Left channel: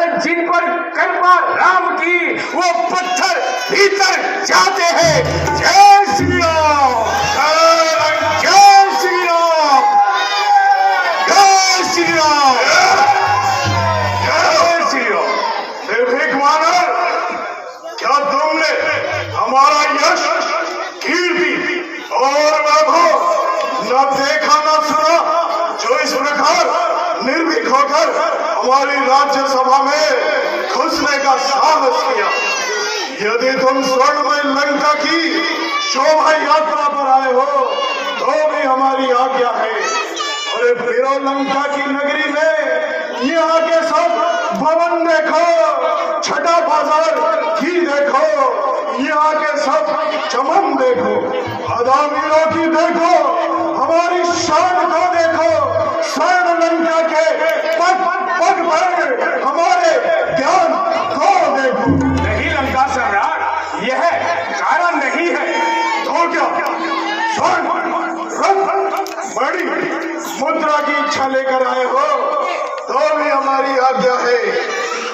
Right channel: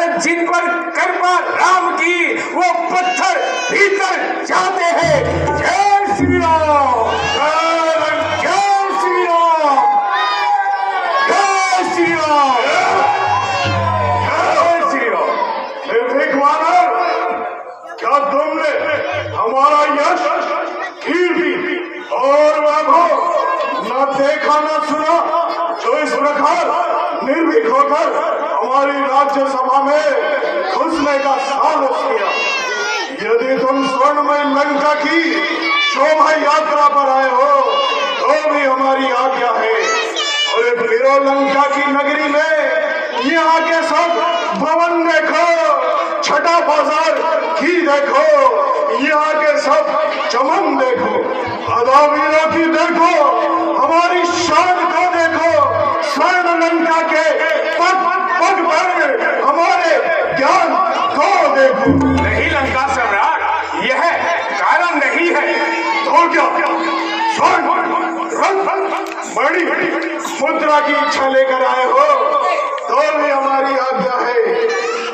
अरे जिन पर कृपा राम की वो पत्थर भीतर जाते हैं। जय श्री राम, जय श्री राम, जय श्री राम, जय श्री राम। निर्भीक वानर, क्या तुमने हमारा यश, कीर्ति और वैभव न देखा न सुना, जो इस प्रकार निर्भीक होकर हमारी राज्यसभा में घुसने का साहस किया? यदि तुम स्वर्णमय लंका की शोभा यात्रा पर आए हो तो भी हमारी आज्ञा है। और फिरो लंका की नगरी में यहाँ के सब भवन देखो, छठा बाजार की देखो, यहाँ के सब चमन देखो, अदावीरों की देखो, हमारी शान को देखो, स्वर्ण लंका के पग पग पर हमारे ज्ञान को देखो। नहीं लंका सम्राट, यह कारण नहीं है तो क्या? स्वर्ण रंग बड़ी मुद्रा की इच्छा लेकर आए हो तो भी हमारी आज्ञा है।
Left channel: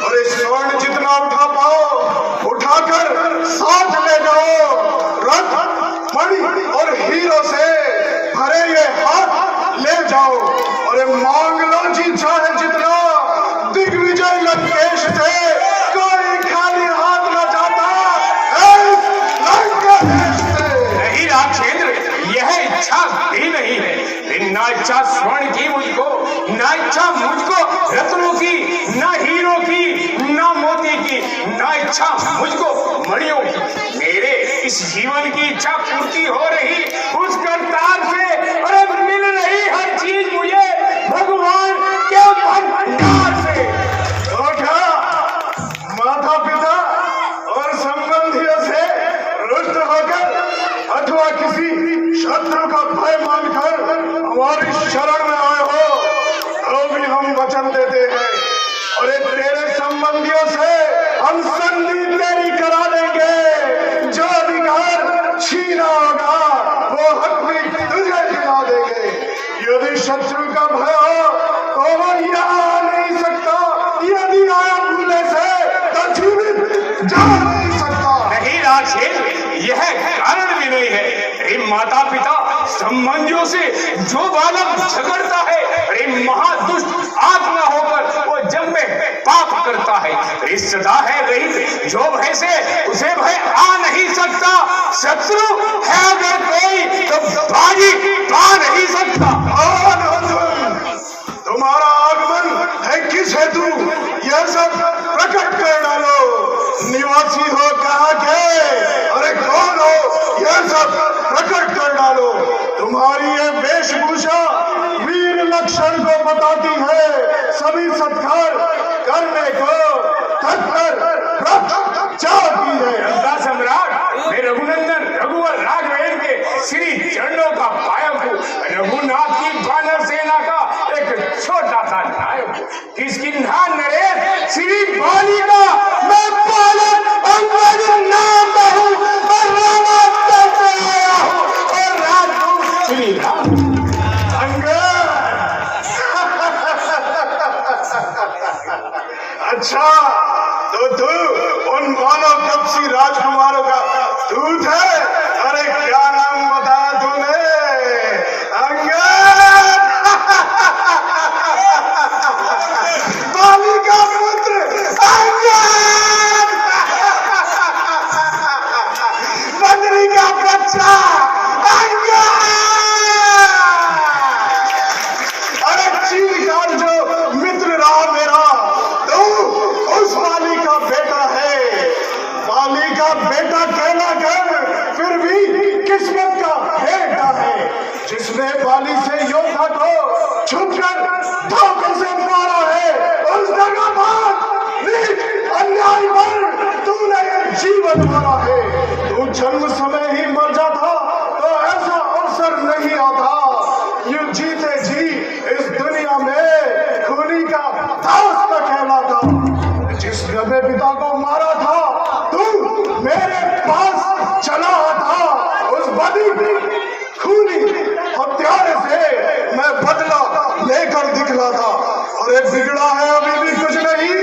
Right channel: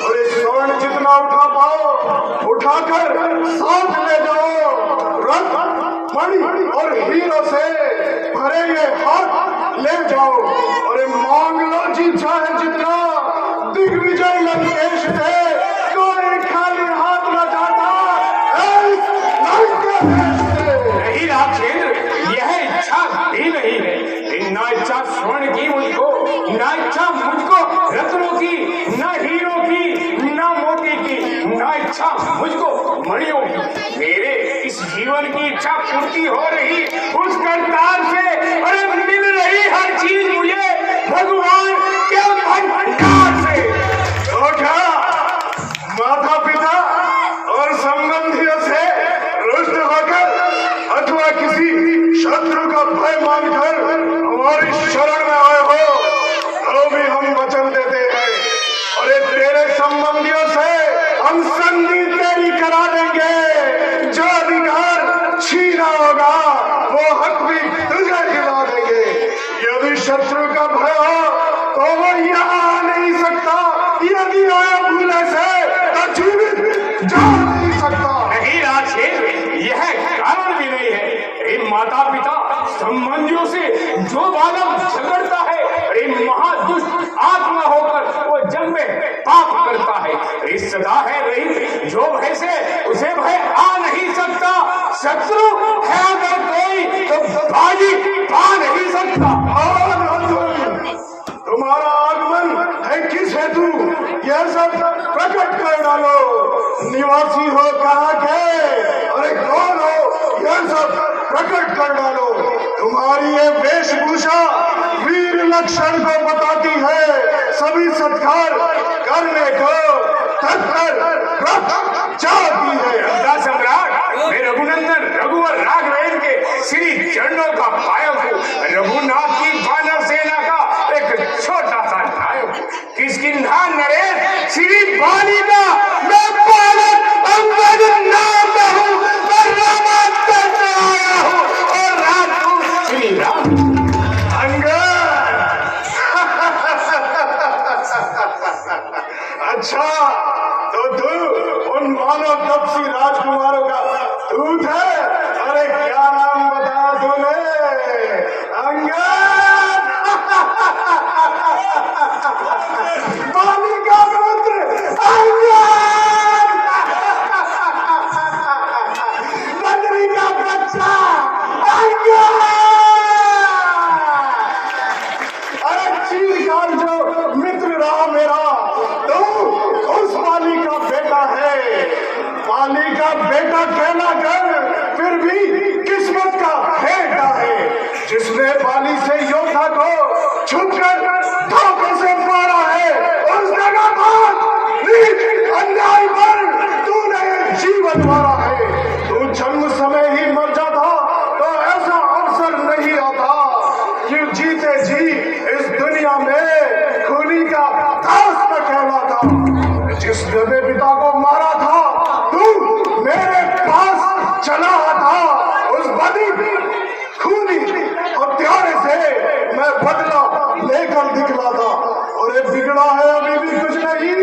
और इस स्वर्ण जितना उठा पाओ उठाकर साथ ले जाओ। रंग मणि और हीरो से भरे ये हाथ ले जाओ और मांग लो जी चाहे जितना। दिग्विजय लंकेश से कोई खाली हाथ न जाता लंका देश से। नहीं राजेंद्र, यह इच्छा भी नहीं है। ना इच्छा स्वर्ण की मुझको, ना इच्छा मुझको रत्नों की, ना हीरो की, ना मोती की, ना इच्छा मुझको मणियों की। मेरे इस जीवन की इच्छा पूर्ति हो रही उस करतार से, अरे मिल रही हर चीज मुझे भगवान के भंडार से। तो क्या माता पिता और संबंधियों से रुष्ट होकर अथवा किसी शत्रु का भय मानकर हमारी शरण में आए हो तो भी हम वचन देते हैं। और ये तेरे संबंधियों से हम संधि तेरी करा देंगे। जो अधिकार छीना होगा वो हक भी तुझे दिला देंगे। यदि शत्रु का भय हो तो वो यहाँ आ नहीं सकता, यदि आया भूले से तो जीवित जा नहीं सकता। नहीं राजेंद्र, यह कारण भी नहीं है। अरे माता पिता संबंधियों से जो बालक झगड़ता है, अरे महादुष्ट आत्मा होकर वो जन्म में पाप करता है। अरे सदा है रही जो भय से उसे भय आ नहीं सकता। शत्रु है अगर कोई तो बाजी पा नहीं सकता। कौन हो तुम? तुम्हारा आगमन है किस हेतु? यह सब प्रकट कर डालो। निवासी हो कहाँ के? अरे कौन हो? यह सब प्रकट कर डालो। तुम्हारी ये वेशभूषा वीर लक्षण को बताती है। सभी सत्कार करने को तत्पर चाहती है। गंगा सम्राट, मैं रघुनंदन रघुवर राघवेंद्र के श्री चरणों का पायक हूँ। रघुनाथ की वानर सेना का एक छोटा सा नायक हूँ। किष्किंधा नरेश श्री बाली का मैं पालक अंगद नाम हूँ और रामांतर से आया हूँ और राजदूत श्री राम। अच्छा, तो तू उन मानव कपसी राजकुमारों का दूत है? अरे क्या नाम बताया तूने? अंगद। बाली का पुत्र अंगद। बद्री का बच्चा अंगद। अरे चीरकार जो मित्र रहा मेरा, तू उस बाली का बेटा है। बाली का बेटा कहना कर फिर भी किस्मत का बेटा है, जिसने बाली से योद्धा को छुपकर धोखे से मारा है। उस जगह पर नीच अन्याय पर तूने जीवन मारा है। तू जन्म समय ही मर जाता तो ऐसा अवसर नहीं आता। यूं जीते जी इस दुनिया में खूनी का दास न कहलाता। जिस गधे पिता को मारा था तू मेरे पास चला था। उस बदी खूनी हत्यारे से मैं बदला लेकर दिखला था। और एक बिगड़ा है अभी भी कुछ नहीं।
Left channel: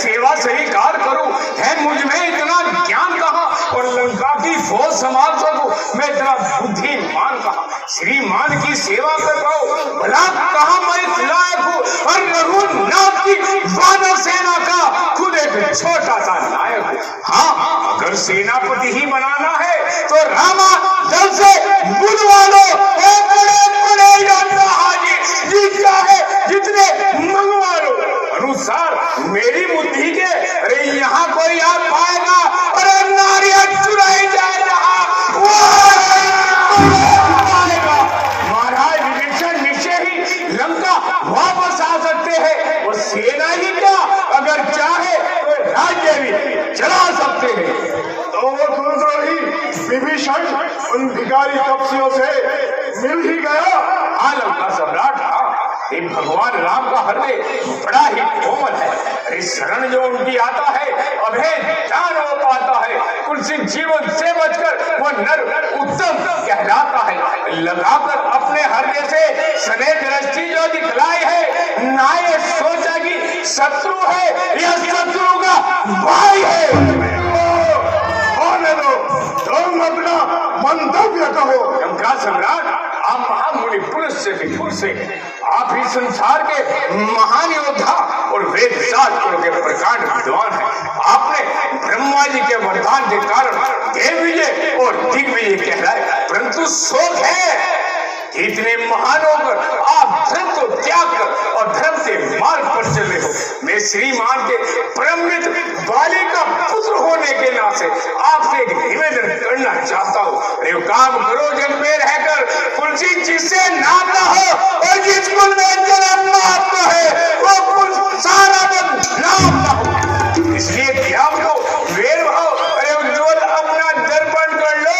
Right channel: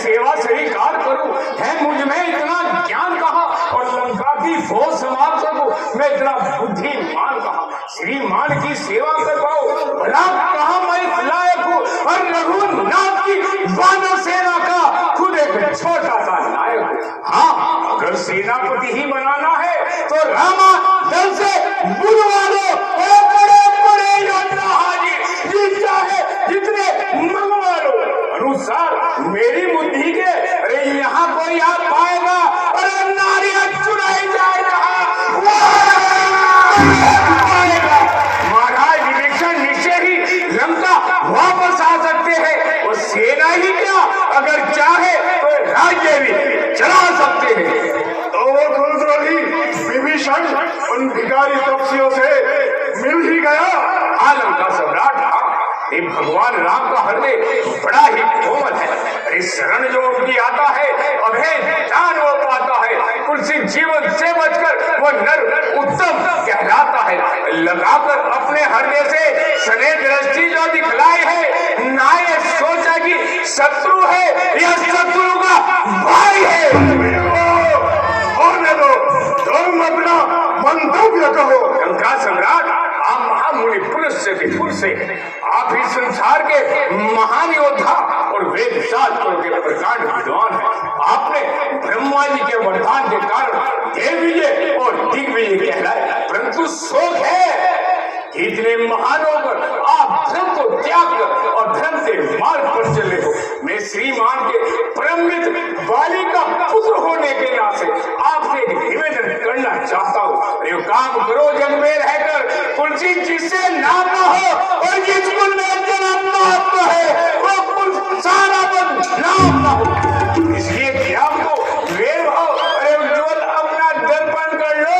सेवा स्वीकार करूं, है मुझ में इतना ज्ञान कहाँ और लंका की फौज संभाल सकूं, मैं इतना बुद्धिमान कहाँ, श्रीमान की सेवा कर पाऊं, भला कहाँ मैं इस लायक हूँ, और रघुनाथ की वानर सेना का खुद एक छोटा सा नायक हूँ। हाँ, अगर सेनापति ही बनाना है तो रामा दल से बुलवा लो, बड़े बड़े योद्धा हाजी, जी चाहे जितने मंगवा लो, अनुसार मेरी बुद्धि के। अरे यहाँ कोई आ पाएगा, अरे नारियां चुराई जाएगा, महाराज विभीषण निश्चय ही लंका वापस आ सकते हैं, और सेना ही क्या, अगर चाहे तो राज्य भी चला सकते हैं। तो क्रोधरोही विभीषण उन भिखारी तपस्वियों से मिल ही गया। आलम का सम्राट था, ये भगवान राम का हृदय बड़ा ही कोमल है। अरे शरण जो उनकी आता है, अभय दान वो पाता है, उनसे जीवन से बचकर वो नर उत्तम कहलाता है। लगाकर अपने हृदय से स्नेह दृष्टि जो दिखलाई है, ना ये सोचा कि शत्रु है, यह शत्रु का भाई है। होने दो, तुम अपना मंतव्य कहो। लंका सम्राट, आप महामुनि पुरुष से विपुल से, आप ही संसार के महान योद्धा और वेद शास्त्रों के प्रकांड विद्वान हैं। आपने ब्रह्मा जी के वरदान के कारण देव विजय और दिग्विजय कहलाए, परंतु शोक है कि इतने महान होकर आप धर्म को त्याग कर और धर्म से मार्ग पर चल रहे हो। मैं श्रीमान के परम मित्र बाली का पुत्र होने के नाते आपसे एक निवेदन करना चाहता हूँ। अरे काम करो, जग में रहकर तुलसी जिससे नाम न हो, और जिस कुल में जन्म न आपका है वो कुल सारा नाम न हो। इसलिए त्याग को वेर भाव, अरे उज्ज्वल अपना दर्पण कर लो,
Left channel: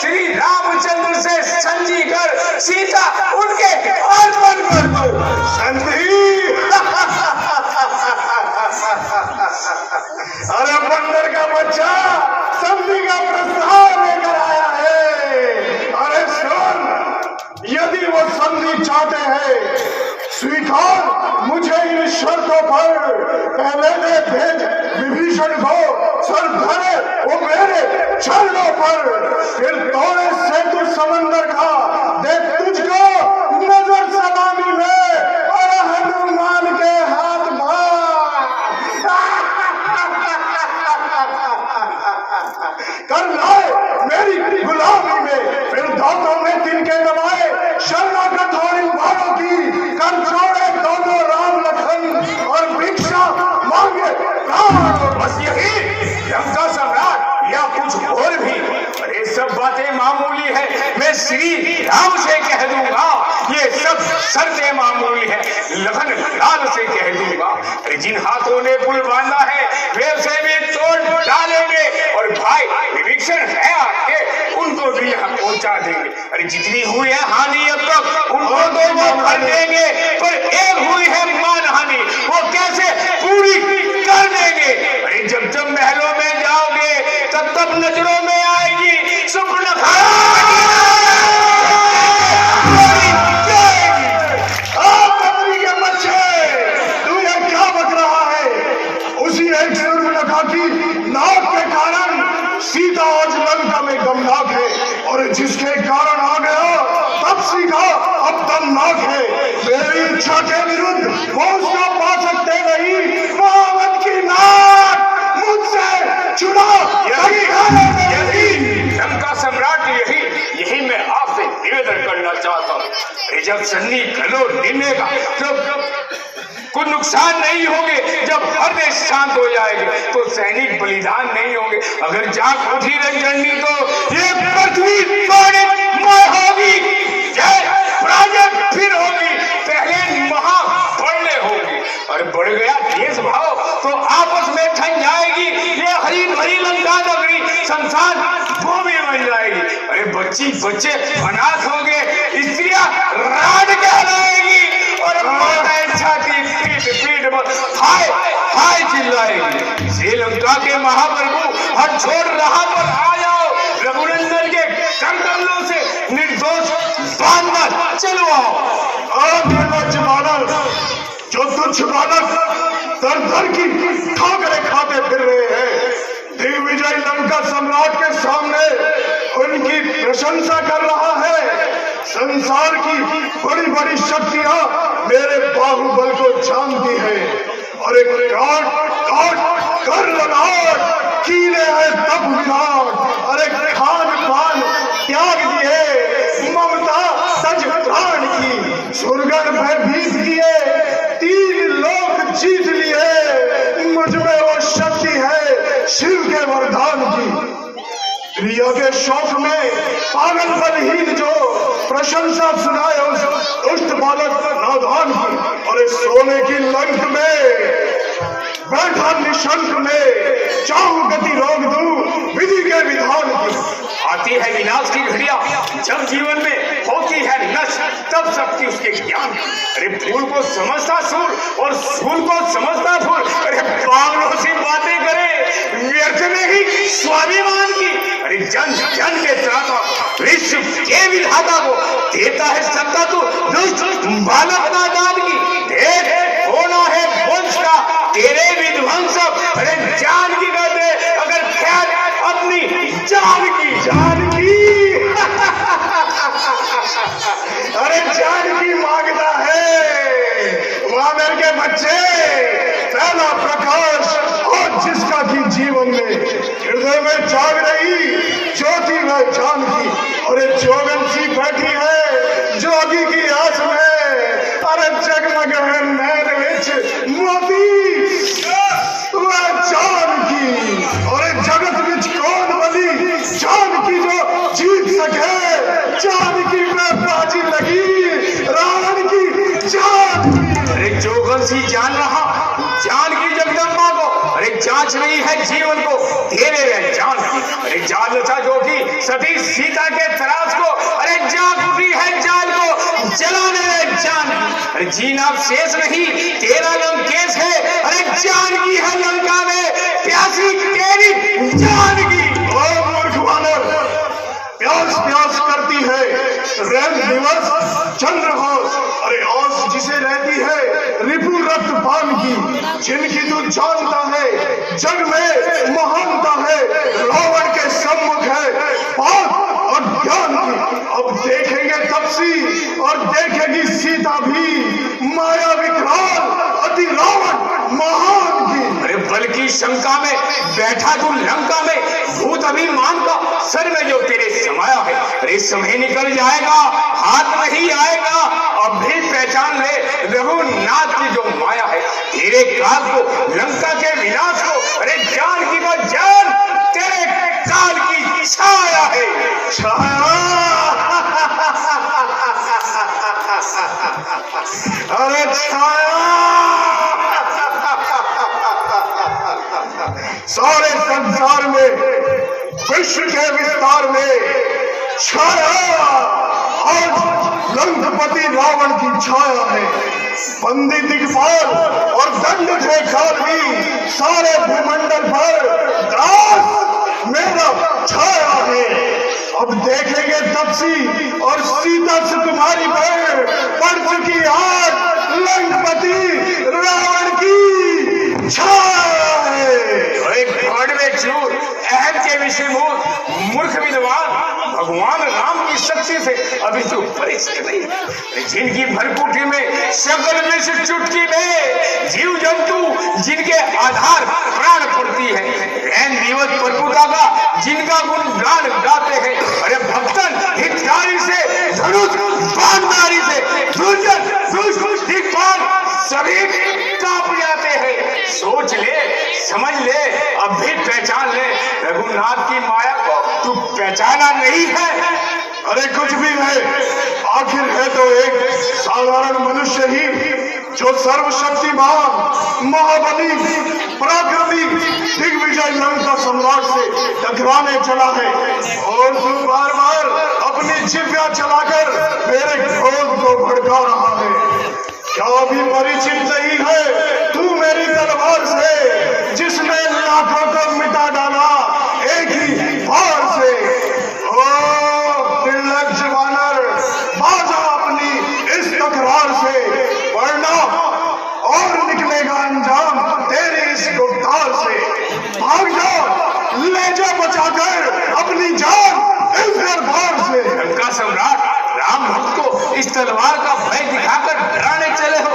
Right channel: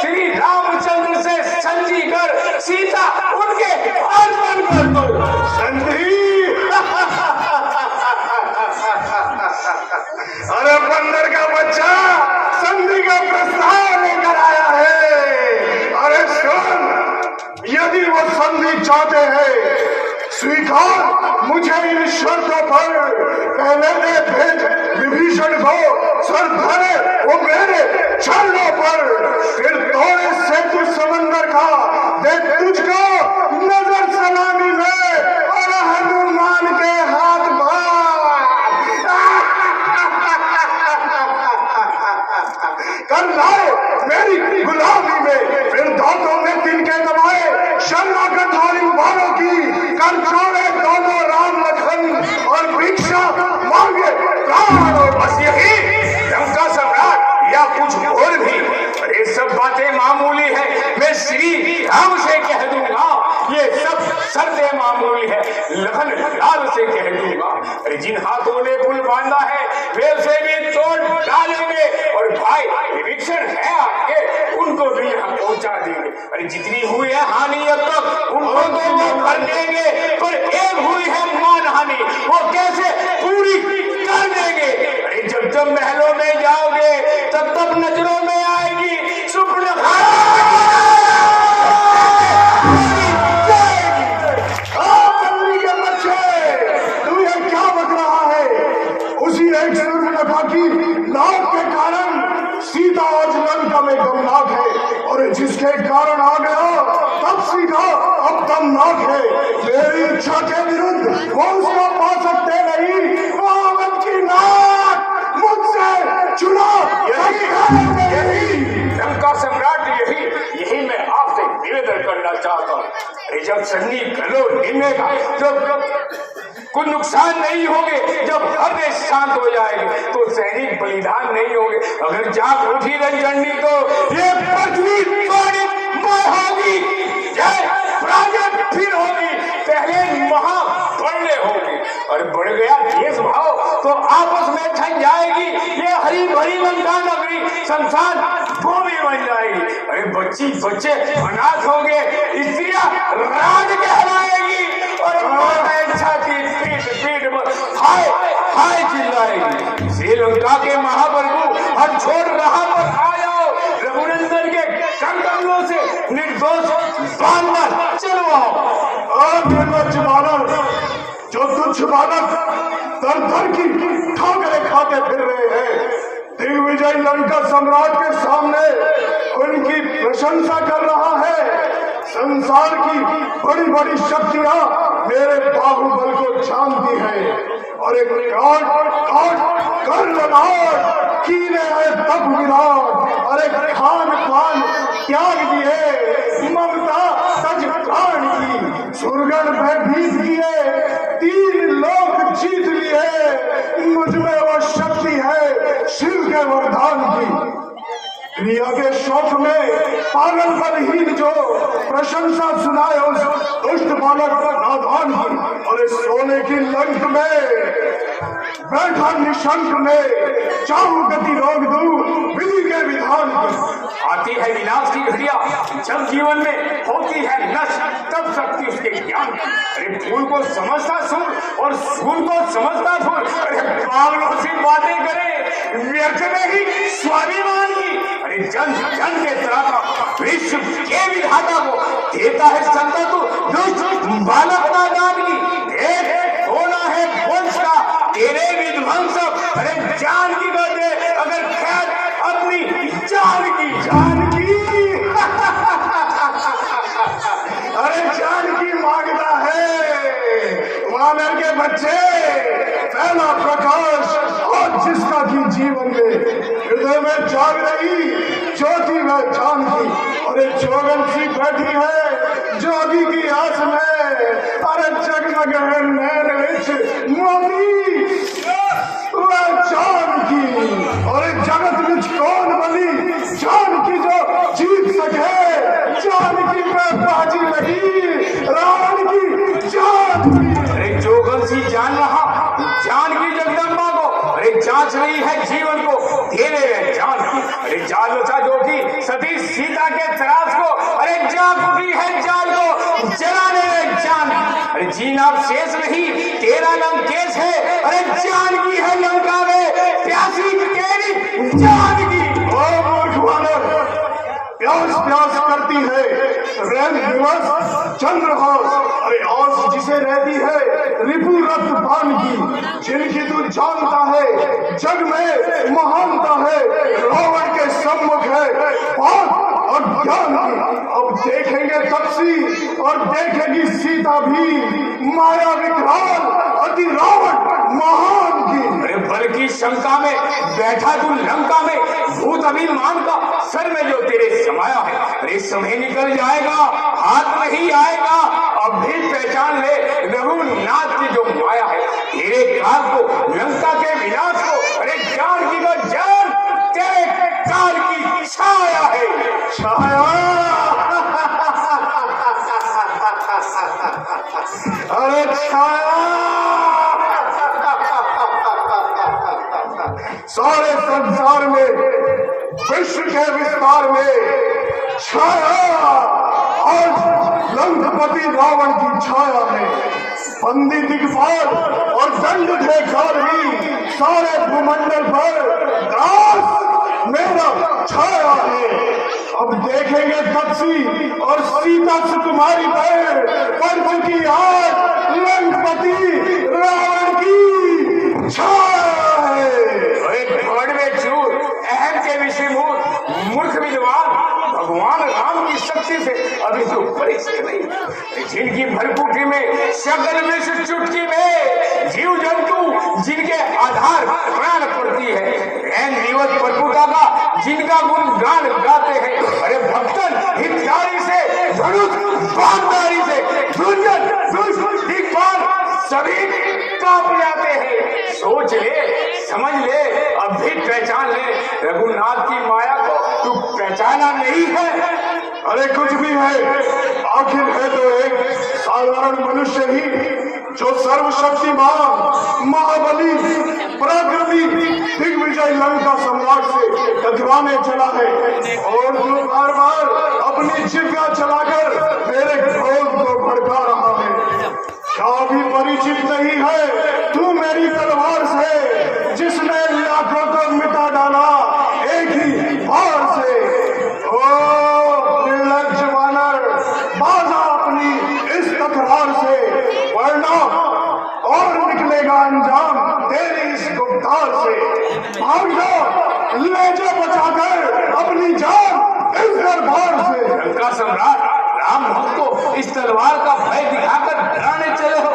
श्री रामचंद्र से संजी कर सीता उनके अर्पण कर दो। संधि अरे बंदर का बच्चा संधि का प्रस्ताव लेकर आया है। अरे सुन, यदि वो संधि चाहते हैं स्वीकार मुझे इन शर्तों पर, पहले दे भेज विभीषण को सर धरे वो मेरे चरणों पर, फिर तोड़े सेतु समंदर का दे तुझको नजर सलामी में, और हनुमान के हाथ बार कर लाए मेरी गुलामी में, फिर दांतों में तिनके दबाए शर्मा कठोरी वालों की, कर छोड़े दोनों राम लखन और भिक्षा मांगे प्राण। बस यही लंका सम्राट या कुछ और भी, अरे सब बातें मामूली है, मैं श्री राम से कह दूंगा, ये सब शर्तें मामूली है, लखन लाल से कह दूंगा। अरे जिन हाथों ने पुल बांधा है वे उसे भी तोड़ डालेंगे, और भाई विभीषण है आपके, उनको भी यहाँ पहुंचा देंगे। अरे जितनी हुई है हानि अब तक उनको तो वो भर देंगे, पर एक हुई है मान हानि, वो कैसे पूरी कर देंगे। अरे जब जब महलों में जाओगे तब तब नजरों में आएगी सुपर्णखा। मंत्री के बच्चे, तू ये क्या बक रहा है? उसी एक सुपर्णखा की नाक के कारण सीता आज लंका में दमनाक है, और जिसके कारण आ गया तब सीखा अब दमनाक है। मेरी इच्छा के विरुद्ध वो उसको पा सकते नहीं, रावण की नाक मुझसे छुड़ा। यही लंका सम्राट, यही मैं आपसे निवेदन करना चाहता हूँ। जब सन्नी गलो निमेगा, जब कुछ नुकसान नहीं होंगे, जब हृदय शांत हो जाएंगे तो सैनिक बलिदान नहीं होंगे। अगर जाग उठी रंजनी तो ये पृथ्वी होगी, फिर होगी, पहले महाबड़े होगी, और बढ़ गया देश भाव तो आपस में ठन जाएगी। ये हरी भरी लंका नगरी संसार भूमि बन जाएगी। अरे बच्ची बच्चे अनाथ होंगे, स्त्रियां राड कहलाएगी, और छाती पीठ हाय हाय चिल्लाएगी। श्रीलंका के महाप्रभु हर छोड़ रहा पर आ जाओ, रघुनंदन के कंकलों से निर्दोष बांधकर चलो आओ। निर्लज्ज बालक, जो तुच्छ बालक दर दर की ठोकरें खाते फिर रहे हैं। दिग्विजय लंका सम्राट के सामने उनकी प्रशंसा कर रहा है। संसार की बड़ी बड़ी शक्तियां मेरे बाहुबल को जानती है और एक काट काट कर ललाट कीने हैं तब विराट और एक खान पान त्याग दिए ममता सज प्राण की सुरगन भयभीत किए 3 लोक जीत लिए मुझ में वो शक्ति है शिव के वरदान की। क्रिया के शौक में पागल बलहीन जो प्रशंसा सुनाए उस दुष्ट बालक नादान की और इस सोने की लंक में बैठा निशंक में चाहूं गति रोक दूं विधि के विधान की। आती है विनाश की घड़िया जब जीवन में होती है नष्ट तब शक्ति उसके ज्ञान की। अरे फूल को समझता सूर और सूर को समझता फूल। अरे पागलों से बातें करे व्यर्थ में ही स्वाभिमान की। अरे जन जन के त्राता विश्व के विधाता को देता है सत्ता तो दुष्ट बालक नादान की। देख होना है वंश का तेरे विध्वंस। अरे जान की करते अगर खैर अपनी जान की अरे जान की मांगता है वानर के बच्चे पहला प्रकाश और जिसका की जीवन में हृदय में जाग रही ज्योति वह जान की। और एक जोगन सी बैठी है जोगी की आस में। अरे जगमग है नैन विच मोती वह जान की। और एक जगत विच कौन बनी जान की जो जीत सके। जान की में बाजी लगी रावण की जान की। अरे जोगन सी जान रहा जान की जगदम्बा को। अरे जांच रही है जीवन को दे रहे जान की। अरे जान रचा जो की सती सीता के तरास को। अरे जाग उठी है जान को जलाने रहे जान की। अरे जीना शेष नहीं तेरा लंकेश है। अरे जान की है लंका में प्यासी तेरी जान की। ओ मूर्ख वानर प्यास प्यास करती है रैन दिवस चंद्रभास। अरे आस जिसे रहती है रिपु रक्त पान की। जिनकी तू जानता है जग में महानता है रावण के सम्मुख है बात और ज्ञान की। अब देखेंगे तपसी और देखेगी सीता भी माया विकराल अति रावण महान की। अरे बल की शंका में बैठा तू लंका में भूत अभिमान का सर में जो तेरे समाया है। अरे समय निकल जाएगा हाथ नहीं आएगा अब भी पहचान ले रघुनाथ की जो माया है। तेरे काल को लंका के विनाश को। अरे जान की वो जान तेरे काल की छाया है छाया। अरे छाया सारे संसार में विश्व के विस्तार में छाया आज लंकापति रावण की छाया है। बंदी दिग्पाल और दंड थे गाधी सारे भूमंडल पर दास मेरा छाया है। अब देखेंगे तपसी और सीता सुकुमारी पर पड़ चुकी आज लंकापति रावण की छाया है। एक घमंड में चूर अहम के विषयभूत मूर्ख विद्वान भगवान राम की शक्ति से अभी तो परिचित नहीं। जिनकी भरपूटी में सकल विष चुटकी में जीव जंतु जिनके आधार प्राण पड़ती है। रैन दिवस परपुता का जिनका गुण गान गाते हैं। अरे भक्तन हितकारी से धनुष बाणधारी से दुर्जन दुष्ट दिक्पाल सभी कांप जाते हैं। सोच ले समझ ले अब भी पहचान ले रघुनाथ की माया को तू पहचाना नहीं है। अरे कुछ भी है आखिर है तो एक साधारण मनुष्य ही जो सर्वशक्तिमान महाबली पराक्रमी दिग्विजय लंका सम्राट से टकराने चला है। और तू बार बार अपनी जिह्वा चलाकर मेरे क्रोध को भड़का रहा है। क्या अभी परिचित नहीं है तू मेरी तलवार से जिसने लाखों को मिटा डाला एक ही वार से। ओ निर्लज्ज वानर बाजा अपनी इस तकरार से वरना और निकलेगा अंजाम भाग जाओ, ले जा बचाकर अपनी जान इस दरबार से। लंका सम्राट राम भक्त को इस तलवार का भय दिखाकर डराने चले हो।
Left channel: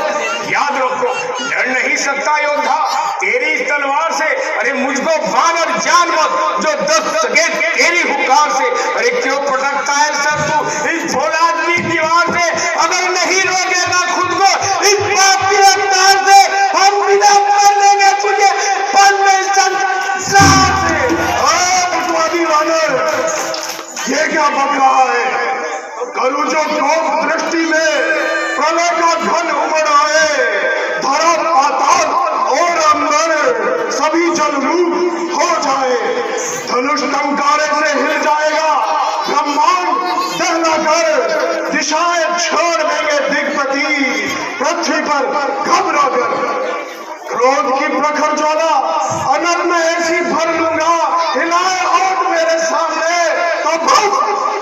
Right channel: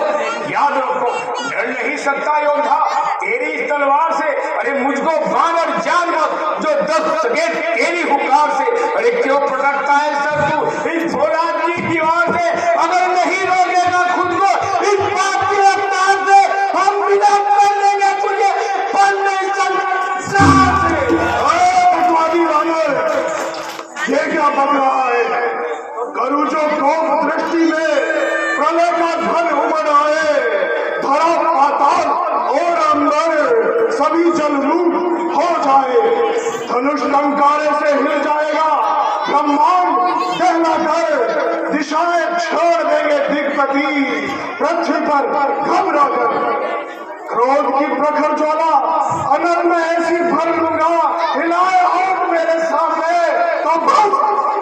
याद रखो, डर नहीं सकता योद्धा तेरी इस तलवार से। अरे मुझको बाण और जान मत जो दस सके तेरी हुकार से। अरे क्यों पटकता है सर तू इस फौलाद की दीवार से? अगर नहीं रोकेगा खुद को इस बात की रफ्तार से, हम बिना कर लेंगे तुझे ये क्या बक रहा है? करूजो कोप दृष्टि में प्रलय का घन उमड़ आए, धरा पाताल और अंबर सभी जलरूप हो जाए। धनुष टंकारे से हिल जाएगा ब्रह्मांड, दहलाकर दिशाएं छोड़ देंगे दिग्पति पृथ्वी पर घबरा कर। क्रोध की प्रखर ज्वाला अनल में ऐसी भर लूंगा, हिलाए हाथ मेरे सामने तो बस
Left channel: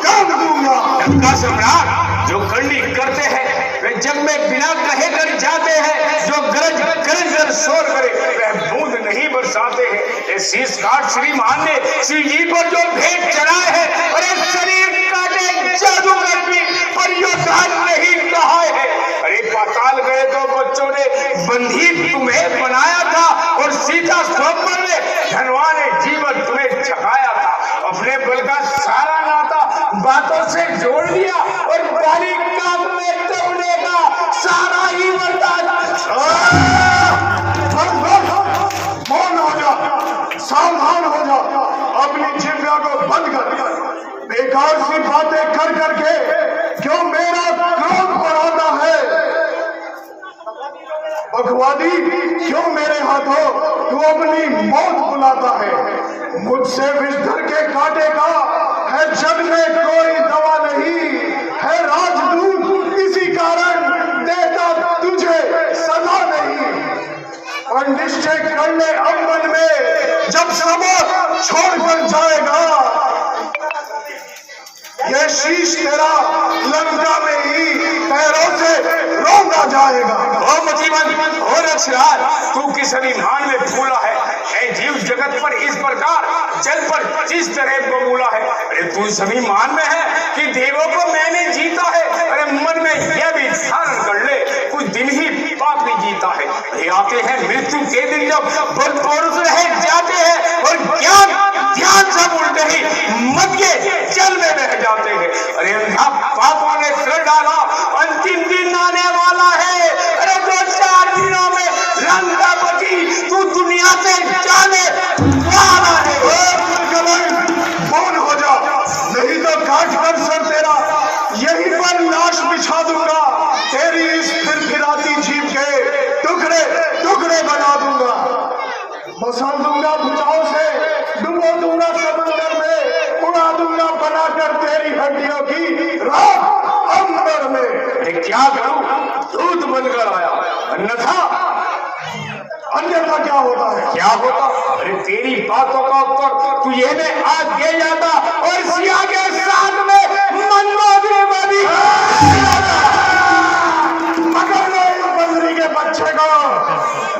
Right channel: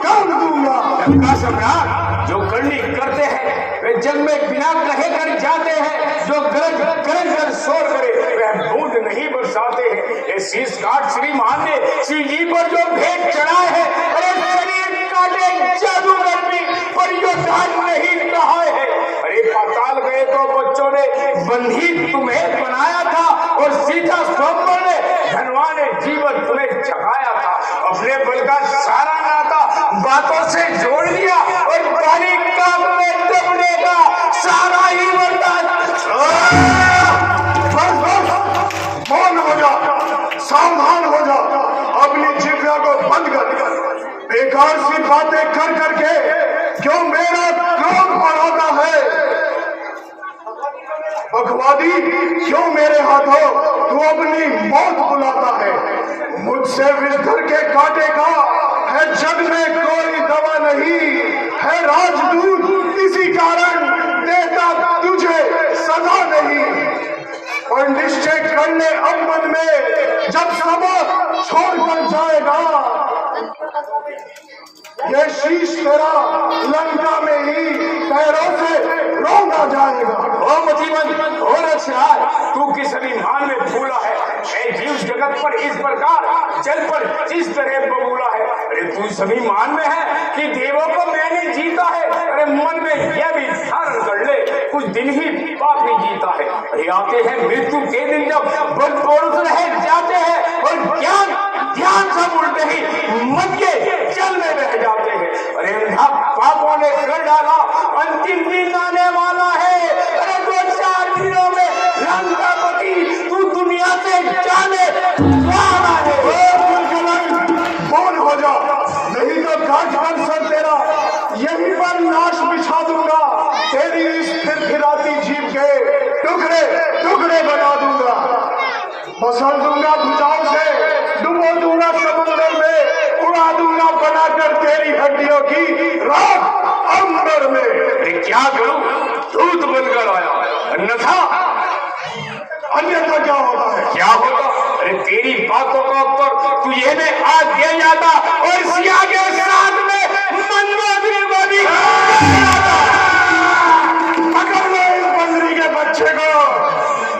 कर दूंगा। लंका सम्राट जो करनी करते हैं वे जग में बिना कहे कर जाते हैं। जो गरज गरज कर शोर करे वह बूंद नहीं बरसाते हैं। ये शीश काट श्रीमान ने श्री जी पर जो भेंट चढ़ाए है, अरे शरीर काटे जादूगर भी पर योद्धा नहीं कहा है। अरे पाताल गए तो बच्चों ने बंधी तुम्हें बनाया था और सीता स्वप्न में धनवा ने जीवन तुम्हें जगाया था। अपने बल का सारा नाता बातों से जोड़ दिया और बारीक काम में दबने का सारा ही वरदान। मौन हो जा, सावधान हो जा, अपनी जिह्वा को बंद कर। बेकार सी बातें कर करके क्यों मेरा क्रोध बढ़ाता है? बकवादी क्यों मेरे हाथों तू अपनी मौत बुलाता है? मुझसे विषधर के कांटे का है जग में कोई दवा नहीं है। राजदूत इसी कारण देता तुझे सजा नहीं। और निश्चय कर ले अब मन में, जब सब छोड़कर जाएगा ये शीश तेरा लंका में ही पैरों से रौंदा जाएगा। ओ मतीमन, ओ रक्षराज, तू किस अभिमान में फूला है? ऐ जीव जगत पर इस प्रकार जल पर जिस तरह बबूला है। अरे तू सभी मान में है कि देवों को मैंने जीता है। अरे मन में यह भी धारण कर ले कुछ दिन ही पापी जीता है। अरे आते हैं मृत्यु के दिन जब बल पुरुष रह जाते हैं और ज्ञान ध्यान सब उल्टे ही मत के जल में बह जाते हैं। अरे अंधा पापों ने कर डाला, अंतिम दिन आने वाला है। अरे 2-4 दिनों में लंकापति तू दुनिया से जाने वाला है। कौन हो जा, नहीं तो काट कर सर तेरा यहीं पर लाश बिछा दूंगा। तेरी इस फिरफिराती जीभ के टुकड़े टुकड़े बना दूंगा। मसल दूंगा भुजाओं से, डुबो दूंगा समंदर में, उड़ा दूंगा बनाकर तेरी हड्डियों की राख अंबर में। क्या करूं? दूध बनकर आया, अन्यथा अन्यथा क्या होता है? क्या होता? अरे तेरी बातों का उत्तर तुझे में आज दिया जाता और सिया के साथ में मनमोहनी बनी पकड़ लो इस बंदरी के बच्चे को,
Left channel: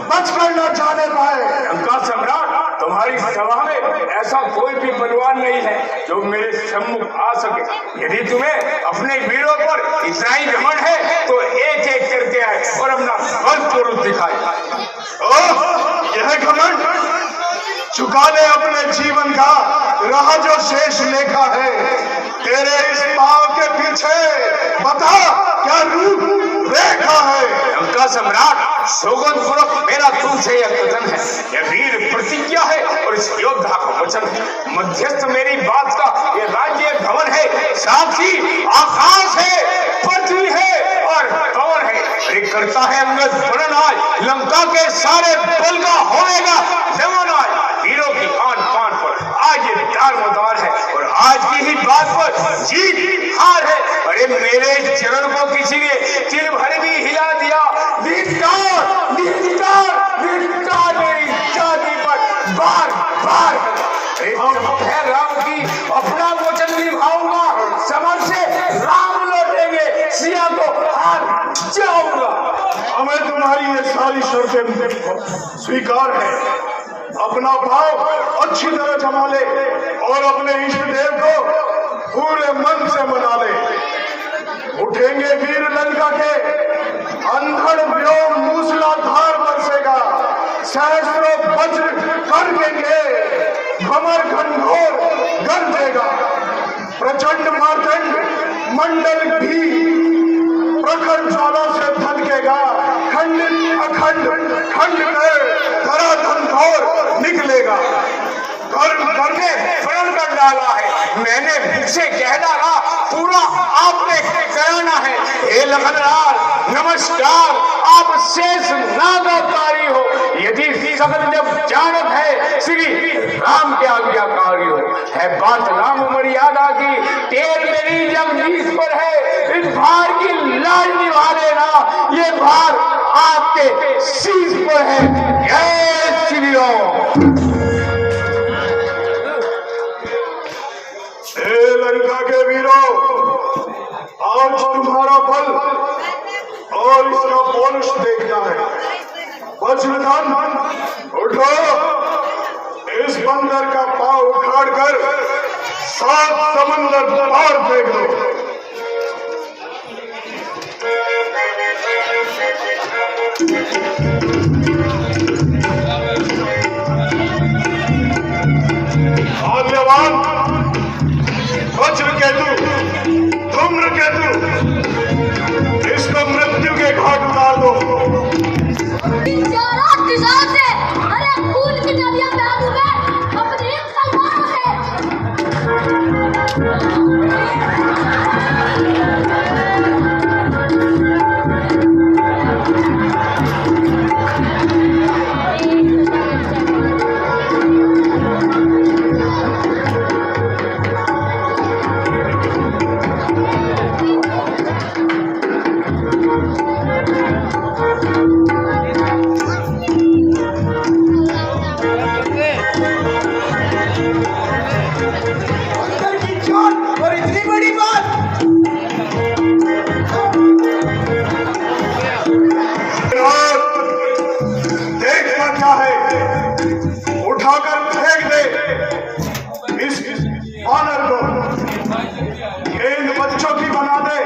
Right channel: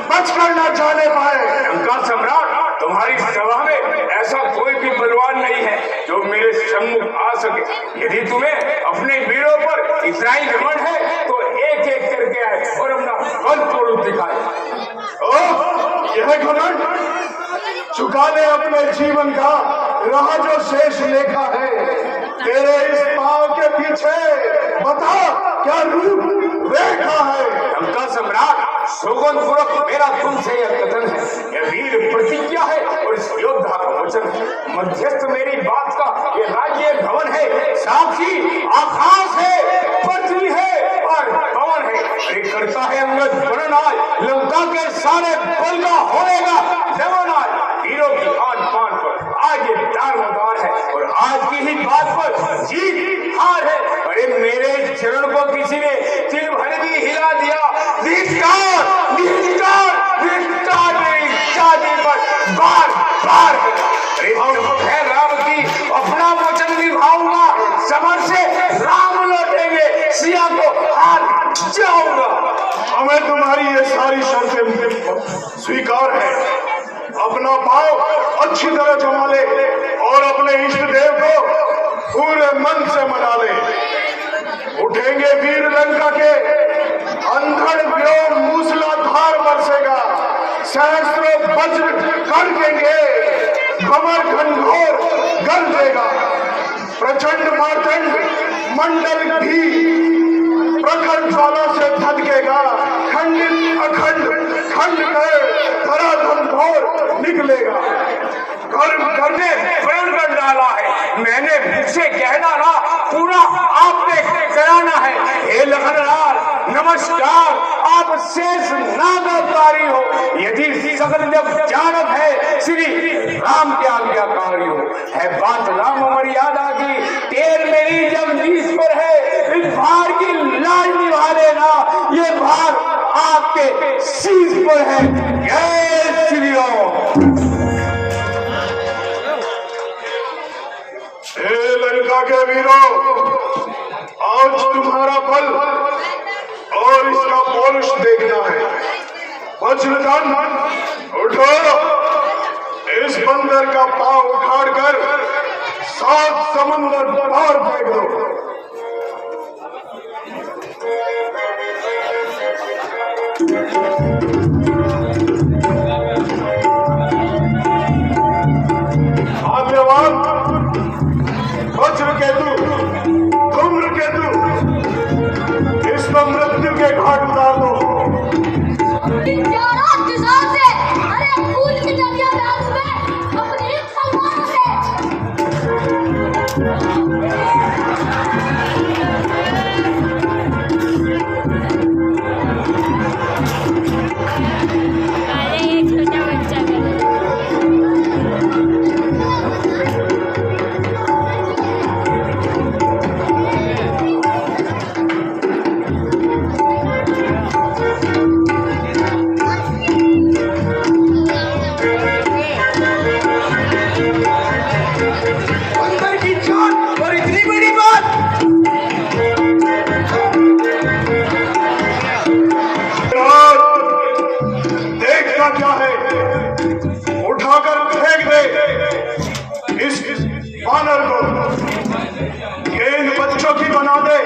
बचकर न जाने पाए। लंका सम्राट, तुम्हारी सभा में ऐसा कोई भी बलवान नहीं है जो मेरे सम्मुख आ सके। यदि तुम्हें अपने वीरों पर इतना ही घमंड है तो एक एक करके आए और अपना बल स्वरूप दिखाए। यह घमंड चुका ले अपने जीवन का रहा जो शेष लेखा है। तेरे इस पांव के पीछे बता क्या रूप रेखा है? लंका सम्राट, सौगंध पूर्वक मेरा तुमसे यह कथन है, यह वीर प्रतिज्ञा है और इस योद्धा का वचन है। मध्यस्थ मेरी बात का ये राज्य भवन है, साक्षी आकाश है, पृथ्वी है और पवन है। करता है अंगद वर्णन आज लंका के सारे बल का होएगा दमन। आज वीरों की आन पान पर आज ये दारोमदार है और आज की ही बात पर जीत हार है। अरे मेरे चरण को किसी ने तिल भर भी हिला दिया, विस्तार विस्तार विस्तार मेरी छाती पर बार बार है। अरे है राम की अपना वचन निभाऊंगा, समर से राम लौटेंगे, सिया को हार जाऊंगा। हमें तुम्हारी ये सारी शर्तें स्वीकार है, अपना पाव अच्छी तरह जमा ले और अपने इष्ट देव को पूरे मन से मना ले। उठेंगे वीर लंका के, अंधड़ व्योम मूसलाधार बरसेगा, सहस्रों वज्र कर देंगे, भंवर घनघोर गरजेगा। प्रचंड मार्तंड मंडल भी प्रखर ज्वाला से भटकेगा, खंडित अखंड खंड में धराधन घोर निकलेगा। घर में प्रण कर डाला है, मैंने से कह डाला, पूरा आपने कराना है। हे लखनलाल नमस्कार, आप शेष नागाकारी हो, यदि सकल जब जानत है श्री राम के आज्ञाकारी हो। है बात राम मर्यादा की, तेर मेरी जब नीस पर है, इस भार की लाज निभा लेना, ये भार आपके शीश पर है। जय श्री राम। लंका के वीरों, आज तुम्हारा बल और इसका पौरुष देखना है। वज्रधन उठो, इस बंदर का पांव उखाड़कर 7 समंदर पार फेंक दो। धन्यवाद। वज्रकेतु, धूम्रकेतु, इसको मृत्यु के घाट उतार दो। अरे खून की नदियां बह डूबे अपने तलवारों से। क्या है, उठाकर फेंक दे इस बानर को, ये इन बच्चों की बना दे,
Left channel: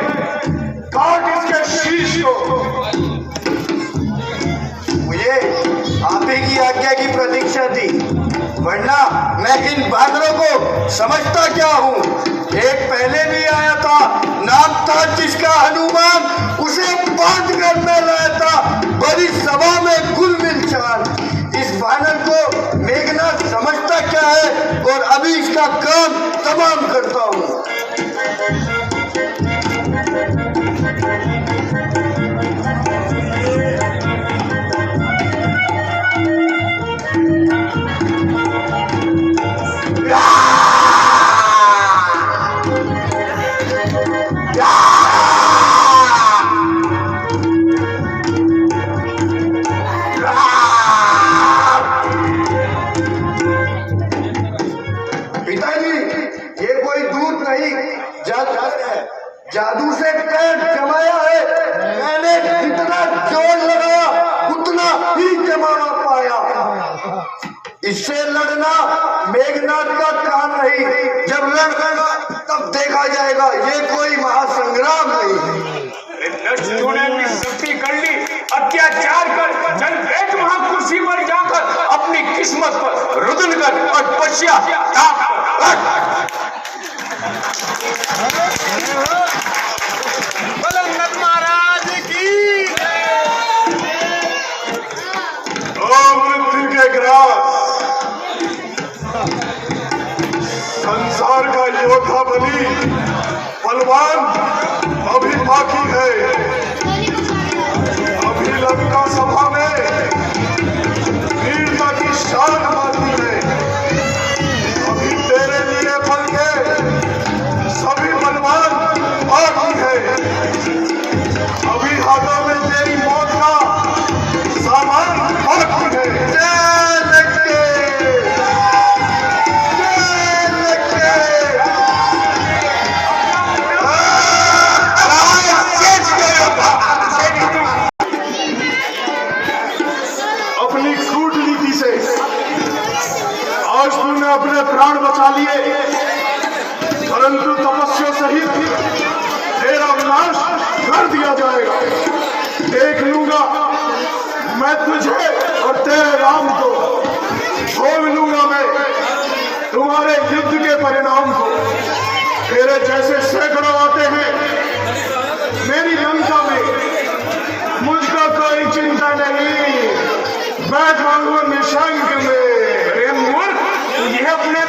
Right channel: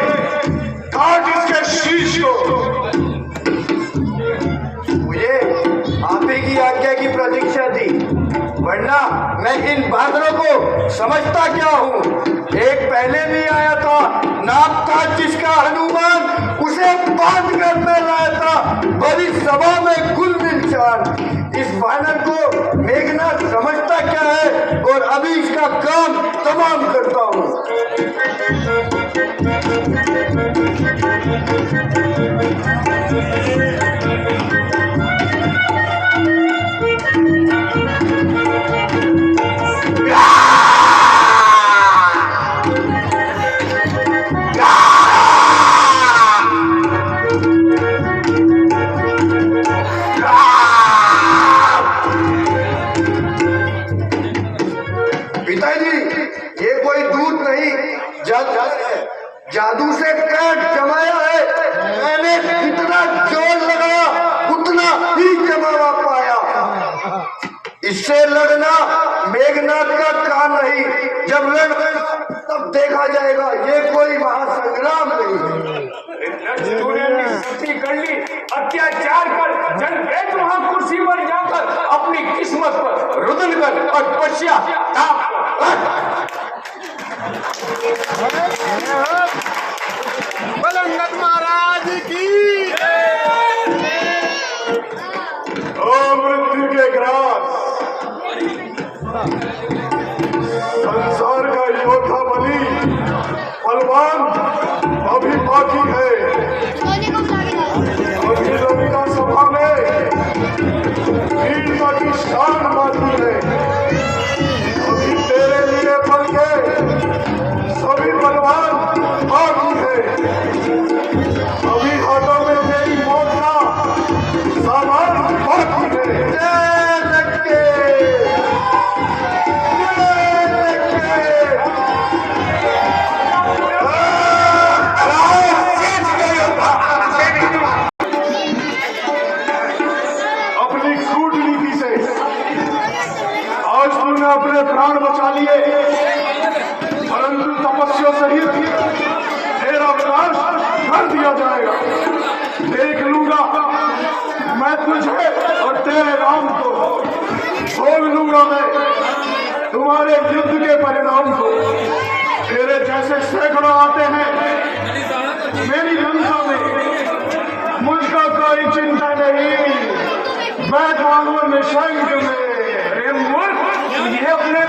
काट इसके शीश को। मुझे आप ही की आज्ञा की प्रतीक्षा थी, वरना मैं इन बानरों को समझता क्या हूँ। एक पहले भी आया था, नाम था जिसका हनुमान, उसे बांध कर मैं लाया था बड़ी सभा में गुल मिल चाल। इस बानर को मेघनाथ समझता क्या है, और अभी इसका काम तमाम करता हूँ। जादू से काट जमाया है, मैंने जितना जोर लगाया उतना ही जमाना पाया। इससे लड़ना मेघनाथ का काम नहीं, जब लड़ेगा तब देखा जाएगा, ये कोई महासंग्राम नहीं है। तूने भी सख्ती कर ली, अत्याचार कर, चल बैठ वहां कुर्सी पर जाकर, अपनी किस्मत पर रुदन कर और पश्चाताप बलंगत महाराज की। ओ मृत्यु के ग्रास, संसार का योद्धा बलि बलवान अभी बाकी है। अभी लंका सभा में वीरता की शान बाकी है। अभी तेरे लिए बल के सभी बलवान बाकी है। अभी हाथों में तेरी मौत का सामान बाकी है। जय लक्ष्मी, जय लक्ष्मी। शेष गयो अपने प्राण बचा लिए, परंतु तपस्या सहित तेरा विनाश कर दिया जाएगा। देख लूंगा मैं तुझे और तेरे राम को, भोग लूंगा मैं तुम्हारे युद्ध के परिणाम को। तेरे जैसे सैकड़ों आते हैं मेरी लंका में, मुझको कोई चिंता नहीं, बैठा हूं निशंक में। अरे मूर्ख, तुझे अपने